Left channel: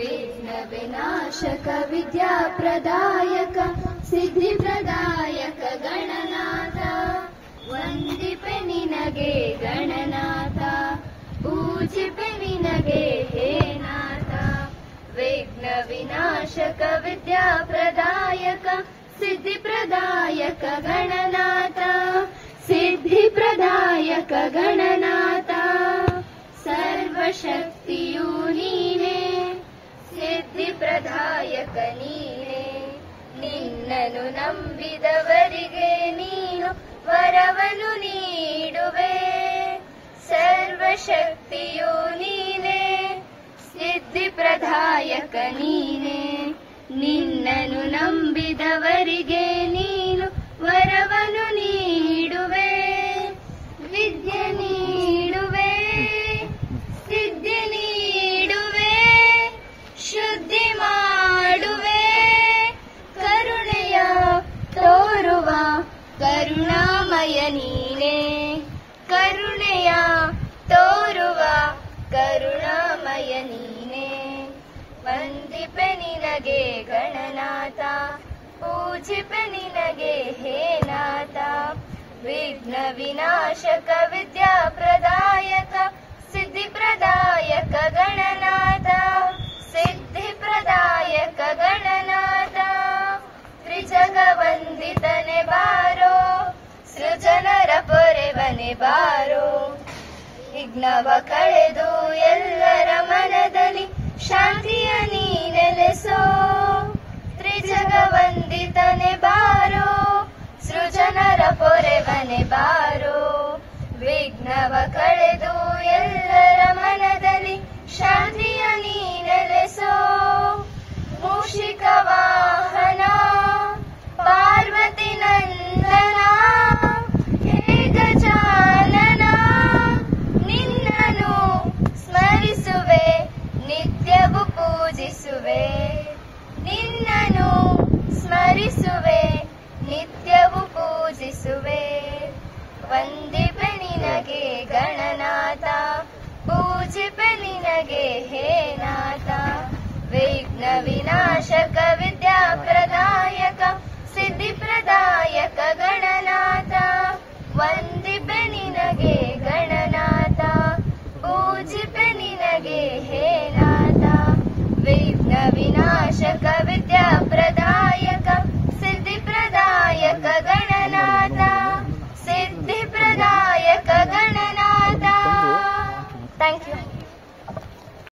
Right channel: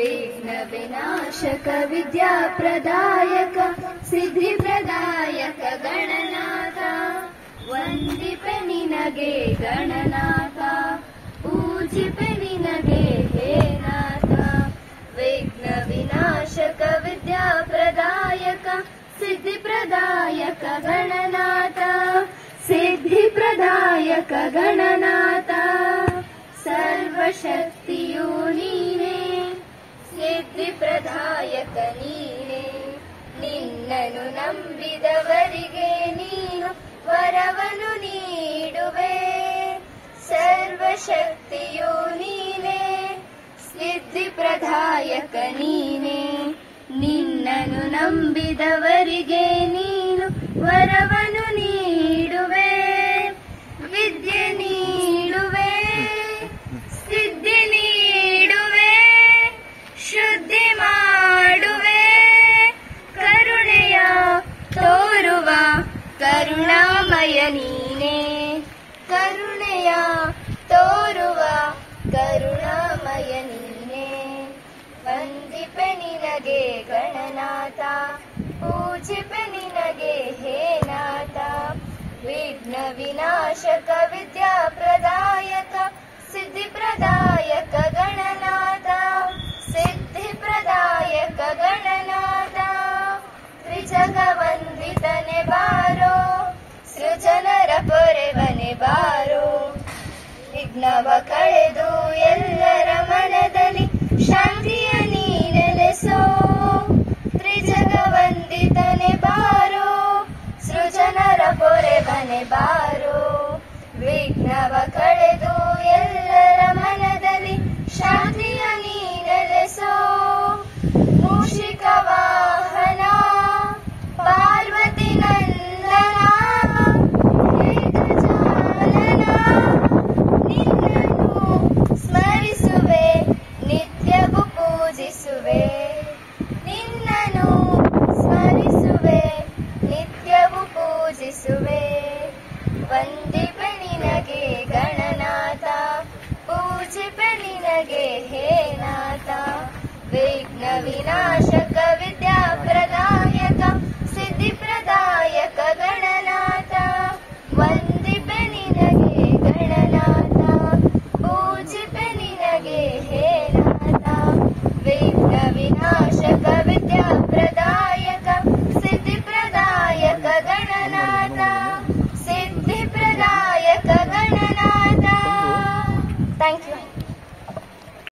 ವಿಘ್ನ ವಿನಾಶಕ ವಿದ್ಯಾಪ್ರದಾಯಕ ಸಿದ್ಧಿಪ್ರದಾಯಕ ಗಣನಾಥ ವಂದಿಪೆ ನಿನಗೆ ಗಣನಾಥ ಪೂಜಿಪೆ ನಿನಗೆ ಹೇ ನಾಥ ವಿಘ್ನ ವಿನಾಶಕ ವಿದ್ಯಾಪ್ರದಾಯಕ ಸಿದ್ಧಿಪ್ರದಾಯಕ ಗಣನಾಥ ಸಿದ್ಧಿಪ್ರದಾಯಕ ಗಣನಾಥ ಸರ್ವಶಕ್ತಿಯು ನೀನೇ ಸಿದ್ಧಿಪ್ರದಾಯಕ ನೀನೇ ನಿನ್ನನ್ನು ನಂಬಿದವರಿಗೆ ನೀನು ವರವನ್ನು ನೀಡುವೆ ಸರ್ವಶಕ್ತಿಯು ನೀನೇ ಸಿದ್ಧಿಪ್ರದಾಯಕ ನೀನೇ ನಿನ್ನನ್ನು ನಂಬಿದವರಿಗೆ ನೀನು ವರವನ್ನು ನೀಡುವೆ ವಿದ್ಯೆ ನೀಡುವೆ ಸಿದ್ಧಿ ನೀಡುವೆ ಶುದ್ಧಿ ಮಾಡುವೆ ಕರುಣೆಯ ತೋರುವ ಕರುಣಾಮಯ ನೀನೇ ಕರುಣೆಯ ತೋರುವ ಕರುಣಾಮಯ ನೀನೇ ವಂದಿಪೆ ನಿನಗೆ ಗಣನಾಥ ಪೂಜಿಪೆ ನಿನಗೆ ಹೇ ನಾಥ ವಿಘ್ನ ವಿನಾಶಕ ವಿದ್ಯಾಪ್ರದಾಯಕ ಸಿದ್ಧಿಪ್ರದಾಯಕ ಗಣನಾಥ ಸಿದ್ಧಿಪ್ರದಾಯಕ ಗಣನಾಥ ತ್ರಿಜಗವಂದಿತನೆ ಬಾರೋ ಸೃಜನರ ಪೊರೆವನೆ ಬಾರೋ ವಿಘ್ನವ ಕಳೆದು ಎಲ್ಲರ ಮನದಲ್ಲಿ ಶಾಂತಿಯ ನೀ ನೆಲೆಸೋ ತ್ರಿಜಗವಂದಿತನೆ ಬಾರೋ ಸೃಜನರ ಪೊರೆವನೆ ಬಾರೋ ವಿಘ್ನವ ಕಳೆದು ಎಲ್ಲರ ಮನದಲ್ಲಿ ಶಾಂತಿಯ ನೀ ನೆಲೆಸೋ ಮೂಷಿಕ ವಾಹನ ಪಾರ್ವತಿ ನಂದನ ಹೇ ಗಜಾನನ ನಿನ್ನನ್ನು ಸ್ಮರಿಸುವೆ ನಿತ್ಯವೂ ಪೂಜಿಸುವೆ ನಿನ್ನನ್ನು ಸ್ಮರಿಸುವೆ ನಿತ್ಯವೂ ಪೂಜಿಸುವೆ ವಂದಿಪೆ ನಿನಗೆ ಗಣನಾಥ ಪೂಜಿಪೆ ನಿನಗೆ ಹೇ ನಾಥ ವಿಘ್ನ ವಿನಾಶಕ ವಿದ್ಯಾಪ್ರದಾಯಕ ಸಿದ್ಧಿಪ್ರದಾಯಕ ಗಣನಾಥ ವಂದಿಪೆ ನಿನಗೆ ಗಣನಾಥ ಪೂಜಿಪೆ ನಿನಗೆ ಹೇ ನಾಥ ವಿಘ್ನ ವಿನಾಶಕ